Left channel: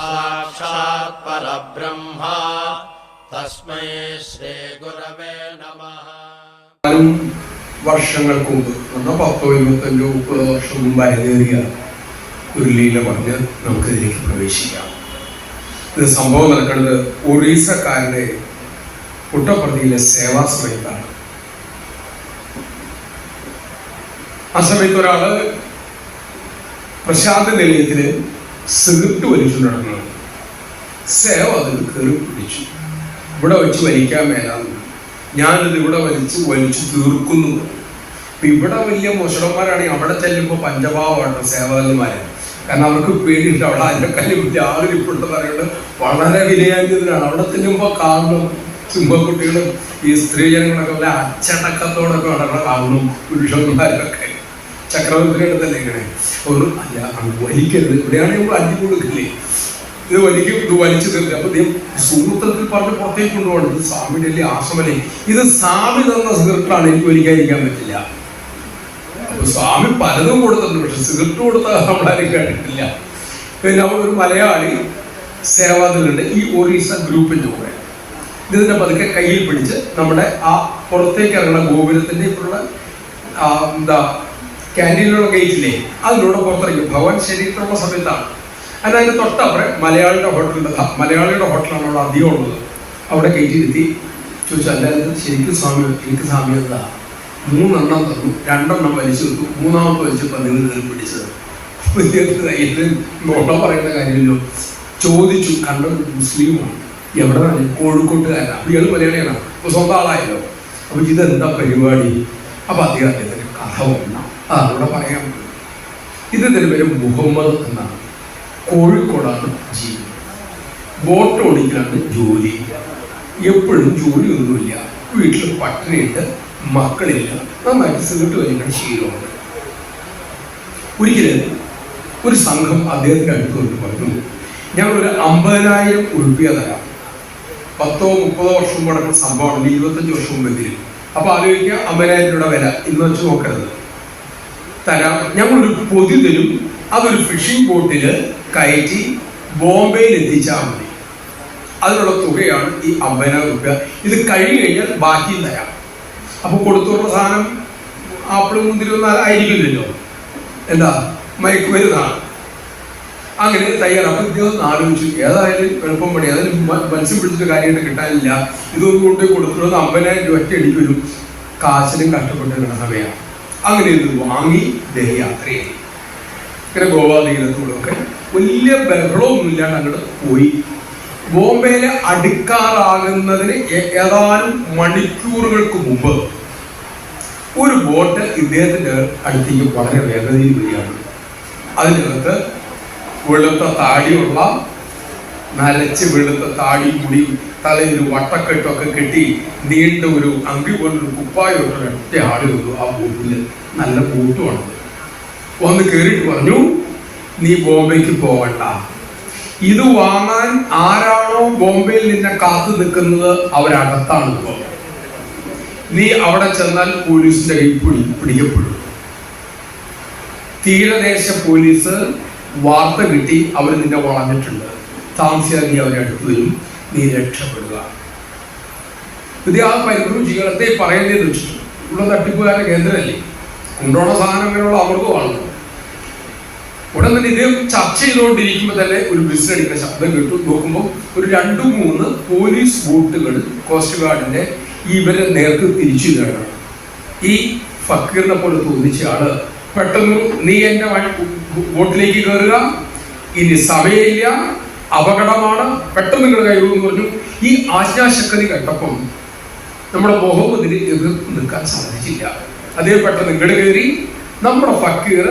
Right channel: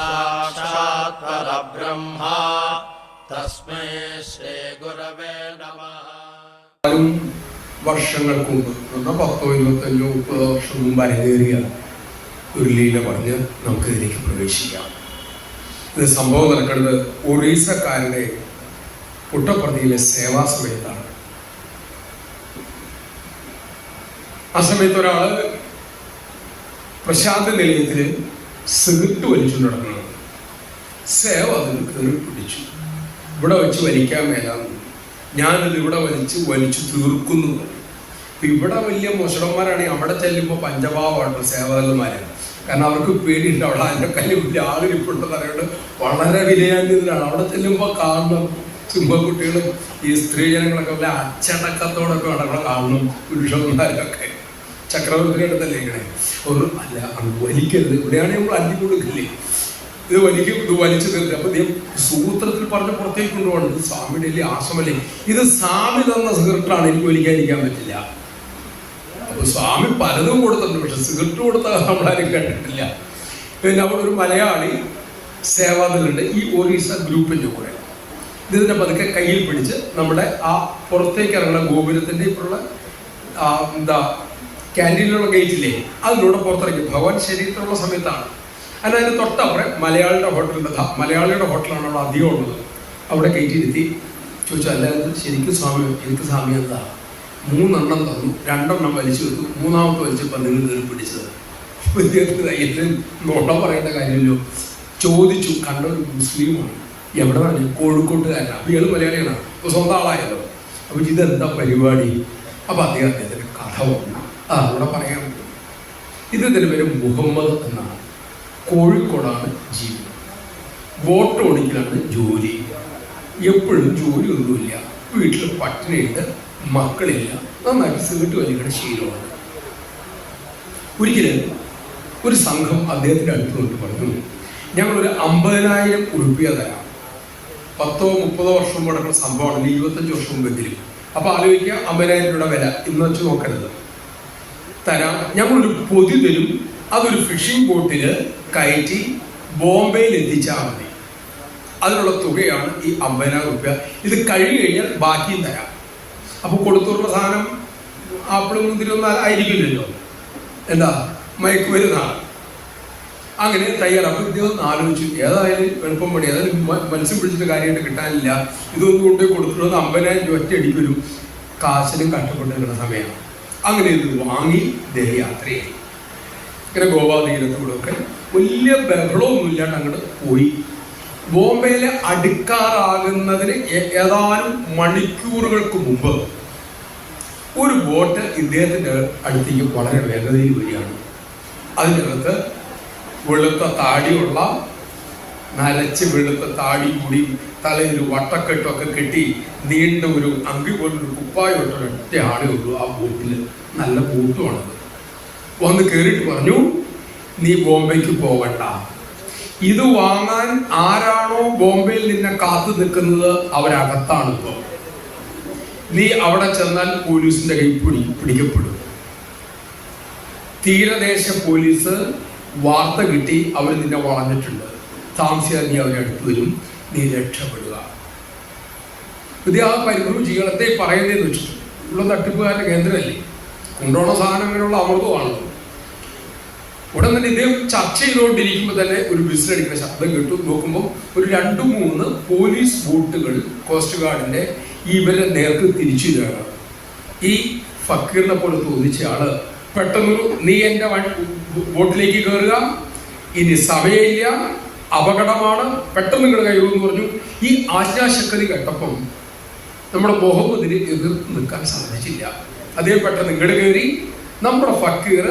സാക്ഷാത് പരബ്രഹ്മ തസ്മൈ ശ്രീ ഗുരവേ നമഃ. വർഷങ്ങൾക്ക് മുമ്പ് 10, 25, 30 വർഷം മുമ്പ് അരങ്ങേറിയ ഒരു ലീല പറഞ്ഞ് നമുക്കിതിലേക്ക് പ്രവേശിക്കാം. ഇത് സംഭവം നടക്കുന്നത് ഒറീസക്കാരുടെ പുട്ടപ്പള്ളിയിലെ സേവാ സമയത്താണ്. ആ സമയത്ത് ഒരാള് പ്രശാന്ത നിലയത്തില് സിഗരറ്റ് വലിച്ചു നടക്കണം. സേവ അതിൽ കയറി പിടിച്ചു. ഇവിടെ വെച്ച് വലിക്കാൻ മേലാന്ന്, ഞാനിത് ഇവിടെ വലിച്ചു തീർക്കുന്നു. ഇവിടെ വലിയ മോശന്മാരാണെങ്കിൽ അവിടെ ചെല്ലുമ്പോൾ പഞ്ചഭാവമായിട്ട് സേവാദന്മാര്. കാരണം അവർക്ക് പേടിയില്ല, അവിടെ അതിനെക്കാളും വലിയ ആളിരിപ്പുണ്ടെന്ന് പറയുന്നത് വളരെ വിനയാന്യതയാണ്. അവിടെ ചെല്ലുമ്പോൾ കാണുന്നു സിംഹക്കുട്ടികളും ഈ സ്ത്രീജനങ്ങളൊക്കെ വല്ല അച്ചടക്കത്തോടൊക്കെ അവിടെ കാണുന്നു. പുരുഷന്മാരൊക്കെ ചക്രവർത്തിയുടെ തന്നെ ഇങ്ങനെ ഒരു അല്ല വലിക്കരുത്, ഇവിടെയാണെങ്കിൽ നമ്മൾ അഞ്ചു കൊടുക്കില്ലേ, ഇത് വലിച്ചു തീർക്കുക. അപ്പൊ സൂത്രത്തിൽ പറഞ്ഞ് പുറത്തേക്ക് കൊണ്ടുപോകണം. ഇത് സ്വാമിയുടെ അല്ലേ ആശ്രമല്ലേ, ഇത് സ്വാമി തന്ന സിഗരറ്റാണ്, എനിക്ക് വലിക്കാതിരിക്കാൻ പറ്റില്ല. അപ്പൊ സ്വാമി പലതും കൊടുത്തിട്ടുണ്ട്, പക്ഷെ സിഗരറ്റ് കൊടുത്ത നമ്മളാരും കേട്ടിട്ടില്ല. പിന്നെ ഒരു മലയാളി സേവാദിലുണ്ട് ഈ ഒറീസ ഗ്രൂപ്പിന്റെ കൂടെ. ഇതിന്റെ പതുക്കെ കയ്യിൽ പിടിച്ച് നമ്മുടെ ആ പുറത്തേക്ക് ഇറങ്ങുന്ന ഗോപുരത്തിന്റെ ഇപ്പോഴുള്ള ക്യാൻറ്റീനിലുള്ള ഗേറ്റില്ലേ, അതിലൂടെ പുറത്തിറങ്ങി. ഭഗവാൻ ശരീരത്തിലുള്ള സമയത്താണ്. അതിനതിന് തൊട്ടപ്പുറം മലയാളിയുടെ ഹോട്ടലാണ് അവിടെ അധികം ഉള്ളത്. അവിടെ കയറ്റിയിരുത്തി ചോദിച്ചാൽ അല്ലാതെ ശരിക്കും സ്വാമി, എനിക്ക് സ്വാമി എന്താ 3 എണ്ണം തന്നു, 2 എണ്ണം വലിച്ചു വെച്ചു, 3ാമത്തെ വലിച്ചപ്പോൾ നിങ്ങൾ കയറി പിടിച്ചത്. ഇത് നോട്ട പറയേണ്ട കാര്യമില്ലോ. ചോദിച്ചു, കണ്ട മുസ്ലിമാണ്, എവിടെ തന്നെ കോഴിക്കോട്ടുകാരനാണ്, അപ്പൊ ഇയാൾ മലയാളിയാണ്, അപ്പൊ സ്വന്തം ആളായല്ലോ. അപ്പൊ ഇതെന്താ പരിപാടി? അപ്പൊ അദ്ദേഹത്തിന് കഥ വേണ്ട, അതവിടെ പറയാൻ പറ്റും. ഇതിന്റെ പേര് മുഹമ്മദ് എന്നാണ്. കോഴിക്കോടാണ് ജീവിതം. ബോട്ട് ഓടിക്കലാണ് ജോലി. എപ്പോഴും ജോലിയൊന്നുമില്ല, വീട്ടിൽ പട്ടിണിയുണ്ട്, മക്കളില്ല, നന്നായിട്ട് സിഗരറ്റ് വലിക്കുന്ന ശീലമുണ്ട്. ഒരിക്കലും ഒരു സംഘം അദ്ദേഹത്തിന്റെ അടുത്ത് കൊണ്ട് പറഞ്ഞു, ഞങ്ങളൊരു 50,000 ഉറുപ്പിക തരാം. 10, 30 വർഷം മുടക്കുന്ന സംഭവമാണ്, 25 വർഷം മുമ്പെങ്കിലും. അപ്പൊ ആലോചിക്കുക, 50,000 രൂപ വില ഇന്ന് വെച്ച് നോക്കരുത്. തരാം, ഞങ്ങളൊരു പൊതി തരും, അതൊരു ഫിഷിംഗ് ബോട്ടില് കയറ്റി ബോംബെയിൽ എത്തിച്ചാൽ മതി. അതിനുള്ള തുകയാണ് ഈ 50,000 രൂപ. ഇത് കഴിഞ്ഞു കഴിഞ്ഞാൽ ബാക്കിയും തരാം. അപ്പൊ കൊടുത്തുള്ള സാധനം ആപ്പിളും മുന്തിരിയൊന്നും ആയിരിക്കില്ലല്ലോ, എന്താ മയക്കുമരുന്നാണ്. അങ്ങനെ തയ്യാറാക്കും. ഇതൊന്നും ആലോചിച്ചു, ഏതായാലും എളുപ്പം പണി, അതായത് മത്സ്യം പിടിച്ചിട്ട് കാര്യമായിട്ട് കിട്ടാനില്ല, ഇതൊന്നും കൊണ്ട് കൊടുത്തിട്ട് 50,000 രൂപ ഒറ്റ അടിക്ക് വരും. കാശിനും കഷ്ടപ്പെട്ടിരുന്ന സമയമാണ്. അങ്ങനെ ഇത് വാങ്ങി യാത്ര ചെയ്തു. ഇങ്ങനെ ഗോവ തീരത്തോടൊക്കെ വലിയ ബഹളമൊന്നും ഇല്ലാണ്ട് അങ്ങോട്ട് പോയി. ബോംബെയിലെ അടുക്കാറാകുന്നതിന് ഏതാനും മണിക്കൂറുകൾക്ക് മുമ്പ് ഒരു ബോട്ട് ഇദ്ദേഹത്തിന്റെ അടുത്തേക്ക് വളരെ വേഗതയിൽ വരികയാണ്. അതിനകത്ത് വെളുത്ത താടിയുള്ള, നരച്ച് വെളുത്ത താടി മുടി, തലയിൽ വട്ടക്കെട്ടൊക്കെ കെട്ടി നീണ്ട ഒരു അങ്കി പോലൊരു കുപ്പായൊക്കെ ഒറ്റ ആളെ ഉള്ളൂ ആ ബോട്ടിൽ. നല്ല ബോട്ടുമാണ്. വന്ന് കയറിയിട്ട് പറഞ്ഞു, നീ ബോംബെക്ക് പോകണ്ട, ഇത് വാങ്ങാൻ ആരാണോ ബോംബെയിൽ നിന്നെ കാത്തു നിൽക്കുന്നത് അവരകത്താണ് ഇപ്പോൾ. നീ അവിടെ ചെന്നാൽ പോലീസിന്റെ കൈ പിടിക്കപ്പെടും. തീരദേശ പോലീസ് വാർത്ത കിട്ടി, അവർ നിന്നെ വളഞ്ഞിട്ടുണ്ട്, താമസിയാതെ നീ അവരെ അടുത്ത് വരും, നീ രക്ഷപ്പെടുക. ഇത് ആ പരിഭ്രമം ചെയ്യണത്തെ പറയുന്നതെന്ന് വെച്ചിട്ട് ഇവിടെ തട്ടിപ്പുകാരുടെ കേന്ദ്രമല്ലേ, കൊണ്ടുപോണ സാധനം അങ്ങനെയുള്ള അമൃതമാണ്. ഉടൻ തന്നെ ഇത് ചർച്ച ചെയ്തുകൊണ്ടിരിക്കുമ്പോൾ തന്നെ ഒരു വിസിലടിക്കുന്ന ശബ്ദം കിട്ടും. നോക്കുമ്പോൾ ഒരു 2-3 പോലീസ് ബോട്ടുകൾ കോസ്റ്റ് ഗാർഡിന്റെ ഇവരെ നേർക്ക് തിരിച്ചു വരികയാണ്. ഈ ഫക്കീറിനെ പോലെ തോന്നിച്ച ആള് പെട്ടെന്ന്, നീ എന്റെ ബോട്ടിലേക്ക് കയറുക, ഇനി സമയമില്ല, അപകടമാണ്, പെട്ടെന്ന് നിങ്ങൾ കയറുമെന്ന് പറഞ്ഞു. ഈ ആജ്ഞാശക്തി കേട്ടപ്പം നമ്മുടെ മുഹമ്മദിന് എതിർത്ത് നിൽക്കാൻ സാധിച്ചില്ല. അതേ പെട്ടെന്ന് ഇങ്ങോട്ട് കയറി നമ്മുടെ ഫക്കീർ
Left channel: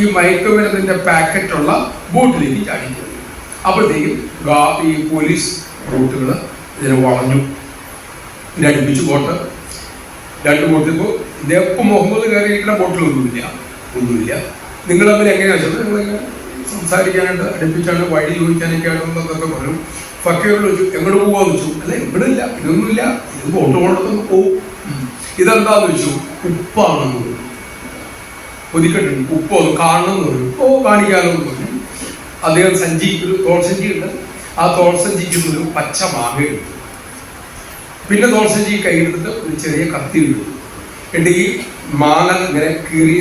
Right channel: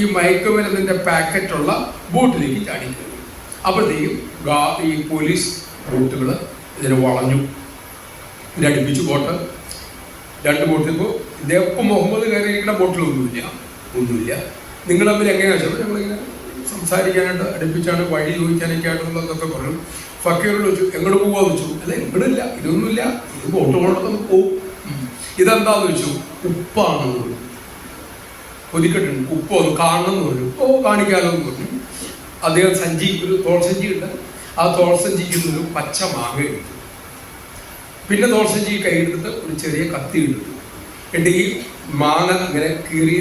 ഈ മയക്കുമരുന്നിന്റെ പാക്കറ്റുള്ള ബോട്ടിലേക്ക് ചാടിക്കയറി. അപ്പോഴത്തേക്കും ഈ പോലീസ് ബോട്ടുകൾ ഇതിനെ വളഞ്ഞു, ഇതിനടുപ്പിച്ചു ബോട്ട്. 2 ബോട്ടിലിപ്പോൾ ഇദ്ദേഹം മുഹമ്മദ് കയറിയിരിക്കുന്ന ബോട്ടിലൊന്നുമില്ല. നിങ്ങൾ തമ്മിൽ എങ്ങനെയാ വെച്ചാൽ നിങ്ങളിങ്ങനെ സംസാരിക്കാനായിട്ട് അടുപ്പിച്ചാണ്, വഴി ചോദിക്കാനൊക്കെ ആയിട്ടുള്ളതൊക്കെ പറഞ്ഞു. ഫക്കീർ ചോദിച്ചു, എങ്ങോട്ട് പോവാന്ന് വെച്ചു. അല്ല ഇവിടെ ഇല്ല, ഇതൊന്നുമില്ല, ഇത് ബോട്ട് കൊണ്ടൊക്കെ പോവും. ഇതെന്താന്ന് വെച്ചു, ഉപ്പാണെന്ന് പറഞ്ഞു. ഒരിക്കലും ഉപ്പ് ഒന്ന് കാണണം എന്ന് പറഞ്ഞു. കാണിക്കാമെന്ന് പറഞ്ഞു. അദ്ദേഹം ഒരു തോൾസഞ്ചി ഉണ്ട്. ആ തോൾസഞ്ചിക്ക് ഒരു പച്ച മാങ്ങ എടുത്തു. പിന്നെ തോൾസഞ്ചി കൈയെടുത്ത് ഒരു ചെറിയ കത്തി എടുത്തു. എന്നിട്ട് ഈ മാങ്ങ ഇങ്ങനെ കീറി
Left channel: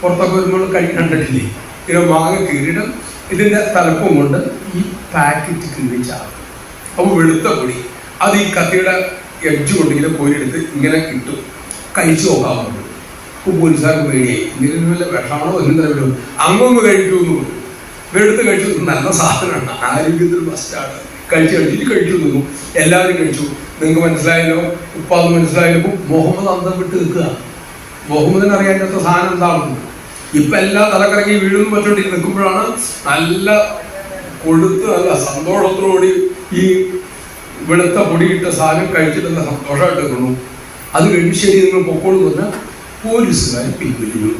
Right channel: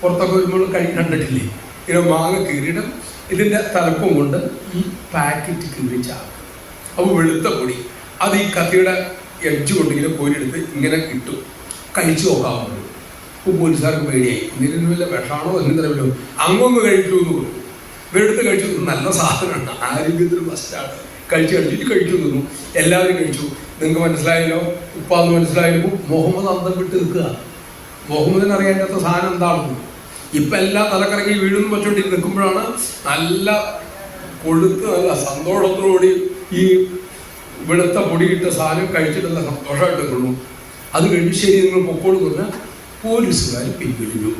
പുറത്തൊക്കെ വരുമ്പോൾ കണ്ടിട്ടില്ലേ, ഇങ്ങനെ മാങ്ങ കീറിയിട്ട് ഇതിൻ്റെ തലപ്പം കൊണ്ട് ഈ പാക്കറ്റ് കീറിച്ചാകും. അപ്പോൾ വെളുത്ത പൊടി അത് ഈ കത്തിയുടെ എഡ്ജ് കൊണ്ട് ഇങ്ങനെ കോരിയെടുത്ത് ഇങ്ങനെ ഇട്ടു. കഴിച്ചു നോക്കാറുണ്ട്. അപ്പോൾ പോലീസുകാർക്ക് പേടിയായി, എന്തെങ്കിലും വല്ല വിഷമാണോ എന്തെങ്കിലും അങ്ങൊന്ന് കഴിച്ചു എന്ന് പറഞ്ഞു. വെളുത്ത് കഴിച്ചു. നല്ല സാധനമാണ്, ആരോഗ്യത്തിന് ബെസ്റ്റാണ്. കഴിച്ചിട്ട് കഴിച്ചു തോന്നു. എല്ലാവരും കഴിച്ചു. നിങ്ങൾക്ക് മനസ്സിലായല്ലോ, ഉപ്പാന്ന് മനസ്സിലായപ്പോൾ മുഹമ്മദ് അന്തം വിട്ട് നിൽക്കുക. മുഹമ്മദിന് അറിയാത്ത സാധനം എന്താണെന്ന്. ഇപ്പം എല്ലാം തലക്കറങ്ങി വീഴുന്നു പറ്റോണ്ടി നിൽക്കുമ്പോഴാണ് നല്ല കൊഴുത്ത് നല്ല സന്തോഷത്തോടുകൂടി ഈ വെളുത്ത പൊടിയിട്ട സാധനം കഴിച്ചിട്ട് നല്ല സന്തോഷമായിട്ട് നിൽക്കുന്നു. അത് കഴിഞ്ഞ് ശരി നിങ്ങൾ പൊക്കോളൂ പറഞ്ഞാൽ പോലീസുകാർ പിൻവലിഞ്ഞു.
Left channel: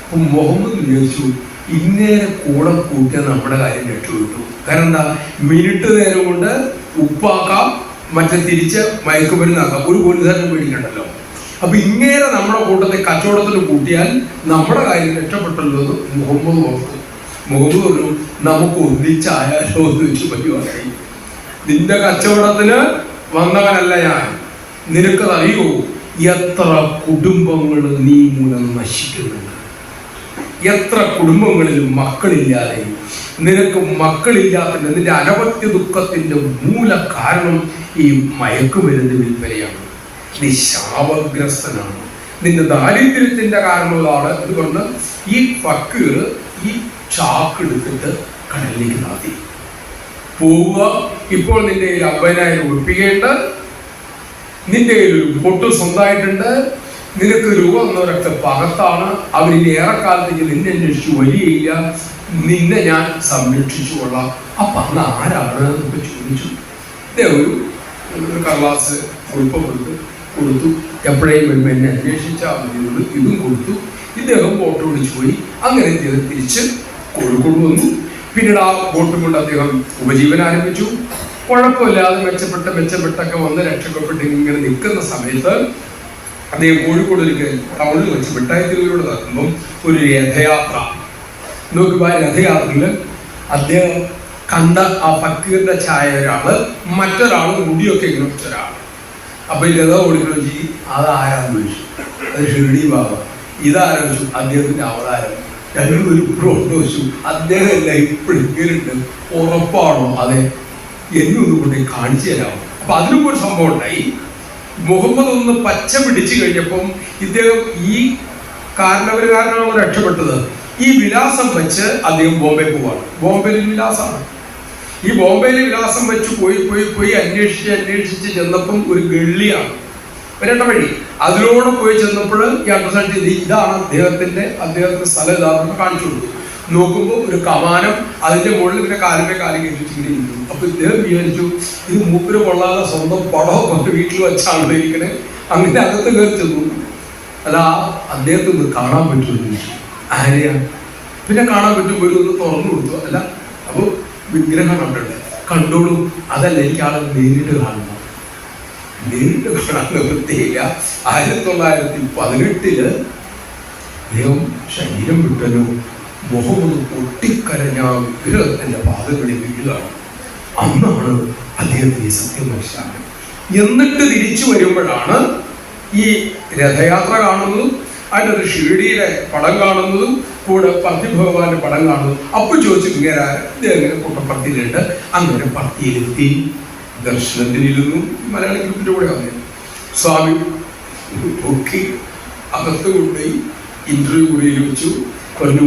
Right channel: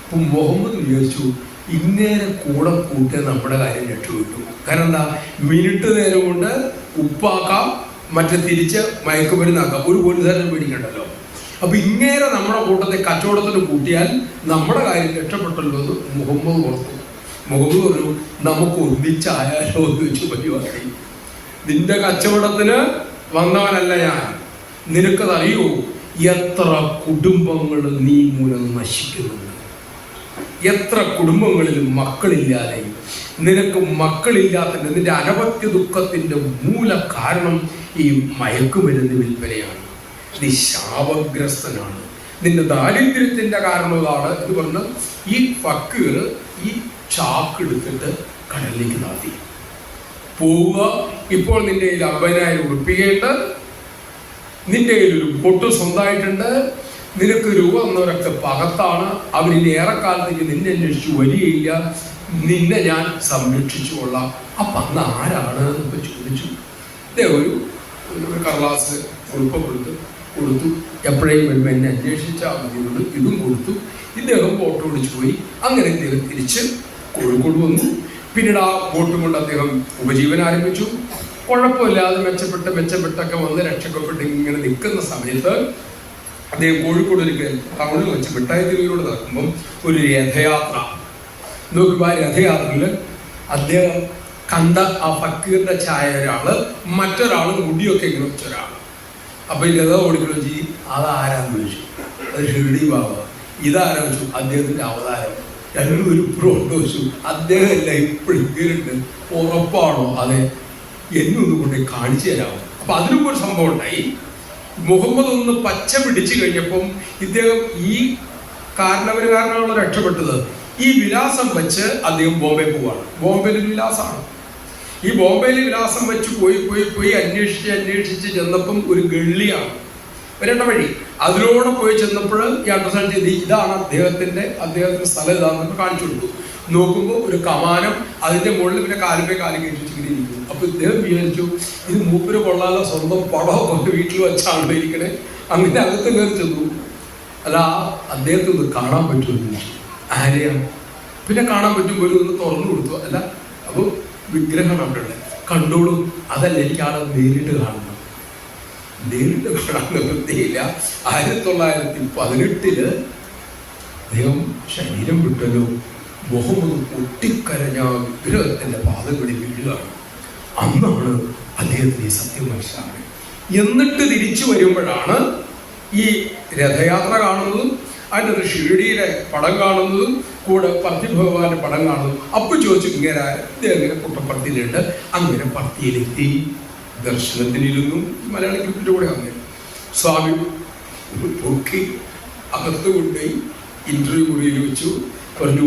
അപ്പം മുഹമ്മദ് വിചാരിച്ചു ഇന്നേരെ കൂടെ കൂട്ടിയ നമ്മുടെ കാര്യം രക്ഷപ്പെട്ടു. കാരണം എന്താ, മിനിറ്റ് നേരം കൊണ്ട് ഉപ്പാക്കാം, മറ്റേ തിരിച്ച് മയക്കുമരുന്നാക്കാം, ഒരു പോലീസുകാരനെ പേടിക്കണ്ടല്ലോ. അപ്പൊ ഇങ്ങനെ നമ്മുടെ കൂട്ടത്തെ കച്ചവടത്തിന് കൂട്ടിയാൽ നമ്മുടെ കാര്യം രക്ഷപ്പെട്ടല്ലോ എന്ന് മുഹമ്മദ് ഓർത്തു. മുഹമ്മദ് പറഞ്ഞു നമുക്ക് ഒന്നിച്ചായാലോ എന്ന് വെച്ച് പരിപാടി. നിന്റെ കച്ചവടത്തിന് വന്നവനല്ല ഞാൻ. നിനക്കതറിയോ എത്ര കുടുംബങ്ങൾ നീ മൂലം നശിക്കുന്നുണ്ട്, എത്ര കുടുംബങ്ങളിൽ മക്കളില്ലാതെ. നിനക്ക് മക്കളില്ലാത്ത നിന്റെ അനവധ്യ ദുഃഖത്തിന്റെ മൂല കാരണം ഈ മയക്കുമരുന്ന് വിൽപ്പനയാണ്. നീ ശാപഗ്രസ്തനാണ്, നിന്റെ ദാരിദ്ര്യത്തിന്റെ കാരണമാണ് എന്ന് പറഞ്ഞ് ഈ ഫക്കീർ ഈ ചാക്കെടുത്തിട്ട് കടലിലേക്ക് നടത്തി പോവുക. ഇപ്പോൾ നിന്റെ കയ്യിൽ 50,000 ഉറപ്പിക്കേണ്ട, നിന്റെ കയ്യിൽ ഒരു പൊട്ട് സ്വന്തമായിട്ടുണ്ട്, നിനക്ക് രൂപ എന്നവരൊക്കെ പകത്താണ്. അവരിനി ഏറെക്കാലത്തേക്ക് നിന്നെ അന്വേഷിച്ച് വരികയില്ല, നിന്നെ ഞാൻ സംരക്ഷിച്ചു കൊള്ളാം. അപ്പൊ അന്ന് ആരാണ് എന്നൊക്കെ ചോദിച്ചു. ഒരു കടലാസ് കുറിപ്പം കൊടുത്തു. എപ്പോഴേയും വരുമ്പോൾ എന്നെ അന്വേഷിച്ചാൽ മതിയുള്ളൂ. ഇതും കൊടുത്തു. ഇദ്ദേഹം ബോട്ട് ഓടിച്ചു പോയി. അങ്ങനെ ഇദ്ദേഹം തിരിച്ച് കോഴിക്കോട് വന്നു. പിന്നീട് ആ ബോട്ടും കൊണ്ട് അദ്ദേഹം ഉപജീവനം ആരംഭിച്ചു. കുഴപ്പമില്ലാതെ മെച്ചപ്പെട്ടൊക്കെ വന്ന് രക്ഷപ്പെട്ട് ഇങ്ങനെ നിൽക്കുന്ന സമയത്ത് അദ്ദേഹം കോഴിക്കോട് ഒരു ടൗണിൽ വെച്ച് മിഠായിത്തിലൂടെ നടക്കുമ്പം ഒരു രഥയാത്ര നോക്കുമ്പോൾ ആ രഥയാത്രയിൽ അദ്ദേഹം കണ്ട ആ ഫക്കീറിന്റെ ഛായ ഒരാള്, മറ്റൊരാള് മുടിയൊക്കെ ഇങ്ങനെ വെച്ചൊരാൾ. അപ്പൊ ഈ രഥം ഓടിക്കണം ചെയ്യും. അതാരാന്ന് ചോദിച്ചു. അത് ഷിർഡി ബാബ. ഇതാരാച്ചു? അദ്ദേഹത്തിന്റെ അവതാരം. രണ്ടുപേരും ഇപ്പോഴും വെച്ചു. അദ്ദേഹം എല്ലാം ഇപ്പോഴും കേറിട്ട് ഉറപ്പാണോ? അതെ, എന്നൊന്നും കൊണ്ട് കാണിച്ചു തരാമോ? അപ്പൊ അതിനും ഒരു സംഭവം ഉണ്ടായി. മുഹമ്മദ് ഒന്ന് പച്ച പിടിച്ചു കഴിഞ്ഞപ്പം ഇദ്ദേഹം ഈ കാരണമാണ് രക്ഷപ്പെട്ടത്. ഈ വിലാസം വെച്ച് അദ്ദേഹം ബോംബെ പോവാണ്. ബോംബെയിൽ വിലാസമാണ്. ഈ ബോംബെയിൽ വിലാസം വെച്ച് പോയി അന്വേഷിച്ച് ചെന്നപ്പം ഒരു ഗള്ളിയാണ് വരേണ്ട വഴി. അതിലൂടെ പോയി ചെന്നപ്പോൾ ഈ അണ്ടർസ്റ്റാൻഡ് ചെയ്ത് ഇതാണ് അദ്ദേഹത്തിന്റെ സ്ഥലം ഇതാണെന്ന് കാണിച്ചു കൊടുത്തു. നോക്കുമ്പോൾ ഒരു കമാനം, അതിന്റെ മുകളിൽ പിന്നെ കാലം കയറ്റിച്ചിരിക്കുന്നു. അപ്പൊ ഇദ്ദേഹം വിചാരിച്ചു ഇത് മൂപ്പിന് കൊള്ളാതെ സ്വന്തം പടമൊക്കെ വീട്ടിൽ വെച്ചാണല്ലോ ഇരിക്കണേ. അങ്ങനെ അകത്ത് കയറി ചെന്നു. അല്ല അദ്ദേഹത്തെ ഒന്ന് കാണാൻ പറ്റുമെന്ന് ചോദിച്ചു. ആരെയാണ്? പിന്നെ കാണാൻ പറ്റുമ്പോൾ ഒന്ന് തുറന്നു കൊടുത്തു. അല്ല അപ്പൊ വിഗ്രഹം കണ്ടല്ലേ, കണ്ടോളൂ. അതല്ല, എനിക്ക് ആളെ നേരിട്ട് കാണണം. നേരിട്ട് കാണാൻ വൃത്തിയില്ല. 1918 അദ്ദേഹം ശരീരം വിട്ടല്ലോ. മുഹമ്മദ് പൊട്ടിക്കരഞ്ഞ വിഗ്രഹത്തിന്റെ പാദങ്ങളിൽ വീഴുകയാണ്. അന്നാണ് അദ്ദേഹത്തിന് സത്യം മനസ്സിലാക്കുന്നത്. എന്നിട്ട് തിരിച്ചു വരുമ്പോഴാണ് ഈ രഥയാത്ര കാണുന്നതും അതിൻ്റെ ഒരു ഷിർഡിയുടെ പടം കാണുന്നതും കൂടെ പത്തി ഭഗവാന്റെ പടം കാണുന്നു. അപ്പൊ ചോദിച്ചു ഇങ്ങനെ കുട്ടപ്പത്തിയിലുണ്ട്. അങ്ങനെ പത്തിയിലെത്തി ദർശനത്തിനിരുന്നു. മലയാളി ഗ്രൂപ്പിന്റെ കൂടെ വന്നു. സ്വാമി പൊക്കി അകത്ത് കൊണ്ടുപോയി ഇന്റർവ്യൂ മുറിയിൽ വെച്ചു. പറഞ്ഞു,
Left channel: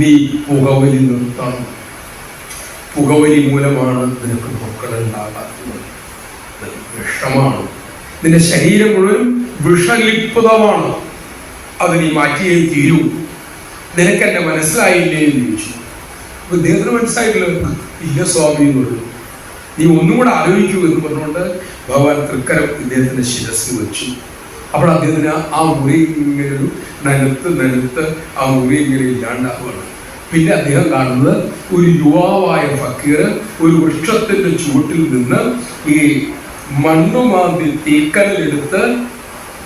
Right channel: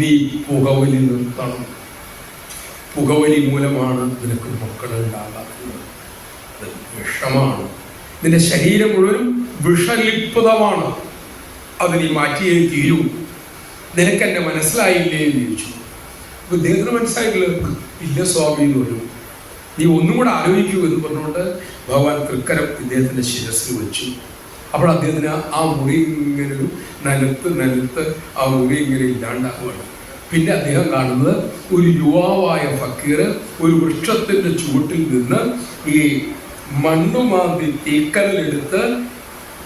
നീ പുകവലി നിർത്തണം. പുകവലി മൂലമാണ് നിനക്ക് മക്കളുണ്ടാകാത്തത്. വിഷമാണ്. നിന്റെ ശരീരം മുഴുവൻ വിഷലിപ്തമാണ്. അത് നീ മാറ്റിയേ തീരൂ. നിനക്കെന്നെ മനസ്സിലായില്ലേ എന്ന് ചോദിച്ചു. അപ്പൊ ഇദ്ദേഹത്തിന് മനസ്സിലായിട്ടില്ല. ഇല്ല സ്വാമി എന്ന് പറഞ്ഞു. നീ ഒന്നും കൂടെ ആലോചിക്കൂ എന്ന് പറഞ്ഞുകൊണ്ട് ഭഗവാൻ തൃക്കരം ഇദ്ദേഹത്തിന്റെ ശിരസ് വെച്ചു. അപ്പോൾ അദ്ദേഹത്തിന് ആ മുറി ഇങ്ങനെ ഒരു നനുത്ത് ആ മുറി ഇങ്ങനെ ഇല്ലാണ്ടാവുകയാണ്. പിന്നെ അദ്ദേഹം കാണുന്നത് ഒരു യുവാവായ ഫക്കീർ ഒരു വൃക്ഷത്തിന്റെ ചുവട്ടിൽ നിന്ന് ഈ മണ്ണുമാന്തി തീക്കല്ലെടുത്ത്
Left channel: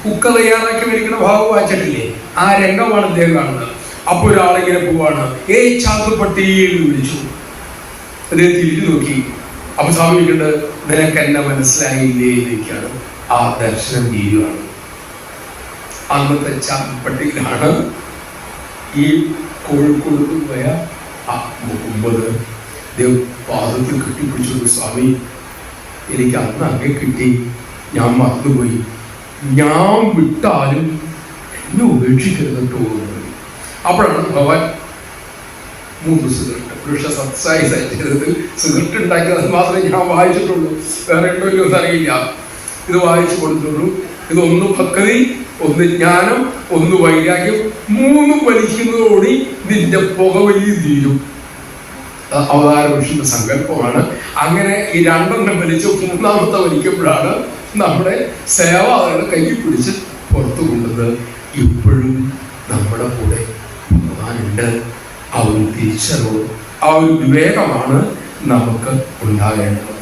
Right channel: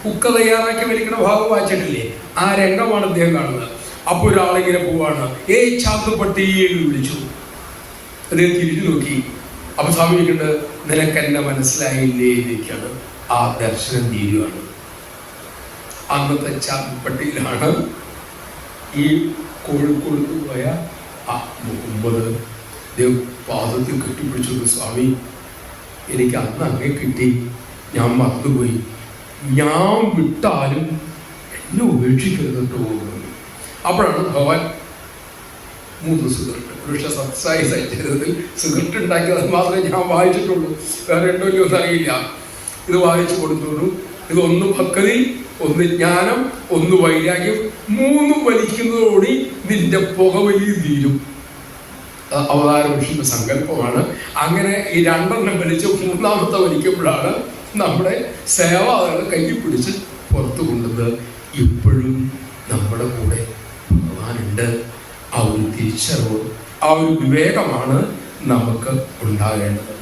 കുക്ക തയ്യാറാക്കി മേടിക്കുന്ന ഭാഗം വായിച്ചിട്ടില്ലേ? ആ രംഗമാണ് അദ്ദേഹം കാണുന്നത്. അപ്പൊ ഒരാളിങ്ങനെ പോവാണ്. ചാത്തുപട്ടി എന്ന് വിളിച്ചു. അദ്ദേഹം തിരിഞ്ഞു നോക്കി. അപ്പൊ സ്വാമി ചോദിക്കുന്നത്, നിനക്ക് എന്നെ മനസ്സിലായില്ലേ എന്നൊക്കെയാണ്. ആ ദർശനം തീരുവാണ്. അന്നത്തെ ചാപ്പട്ടിയിലാണ് ഈ കോഴിക്കോട് പോയ ആ മുഹമ്മദ് പാദത്തിൽ കെട്ടിപ്പിടിച്ചു. സ്വാമി, എനിക്ക് അന്ന് അങ്ങേ കിട്ടി, ഞാൻ മറന്നുപോയി, ഞാൻ വിട്ടാലും എന്നെ ഉപേക്ഷിക്കരുത് കേട്ടോ. അപ്പോഴാണ് ഭഗവാൻ 3 സിഗരറ്റ് പുരുഷ സത്സായി സൈന്യത്തിൽ സിഗരറ്റ് ഉണ്ടാക്കിയത് മാത്രമേ ഞാൻ വായിച്ചിട്ടുള്ളൂ, വേറെ ഉണ്ടല്ലോ എന്നറിയില്ല. ഇത് വായിച്ചു കൊടുത്തുള്ളൂ. ഇതൊന്ന് ഭക്തി, ഒന്ന് ജ്ഞാനം, ഒന്ന് വൈരാഗ്യം, 3 വലിക്കുന്നതോടെ നിന്റെ പുകവലി തീരും. അവതാര പുരുഷന്റെ സങ്കല്പമാണ്. അങ്ങനെ ഈ 2 വലിച്ച് 3ാമത്തെ വലിക്കുമ്പോഴാണ് നമ്മുടെ സേവാദകളെ കയ്യിൽ പിടിച്ച് പുറത്തു കൊണ്ടുന്നത്. ഇപ്പോഴും നമ്മുടെ കൂടെ ഭഗവാനുണ്ട്. ആ ഒരു തിരിച്ചറിവ്, ആ ഒരു വിവേകമാണ് നമുക്ക് ഉണ്ടാകേണ്ടത്.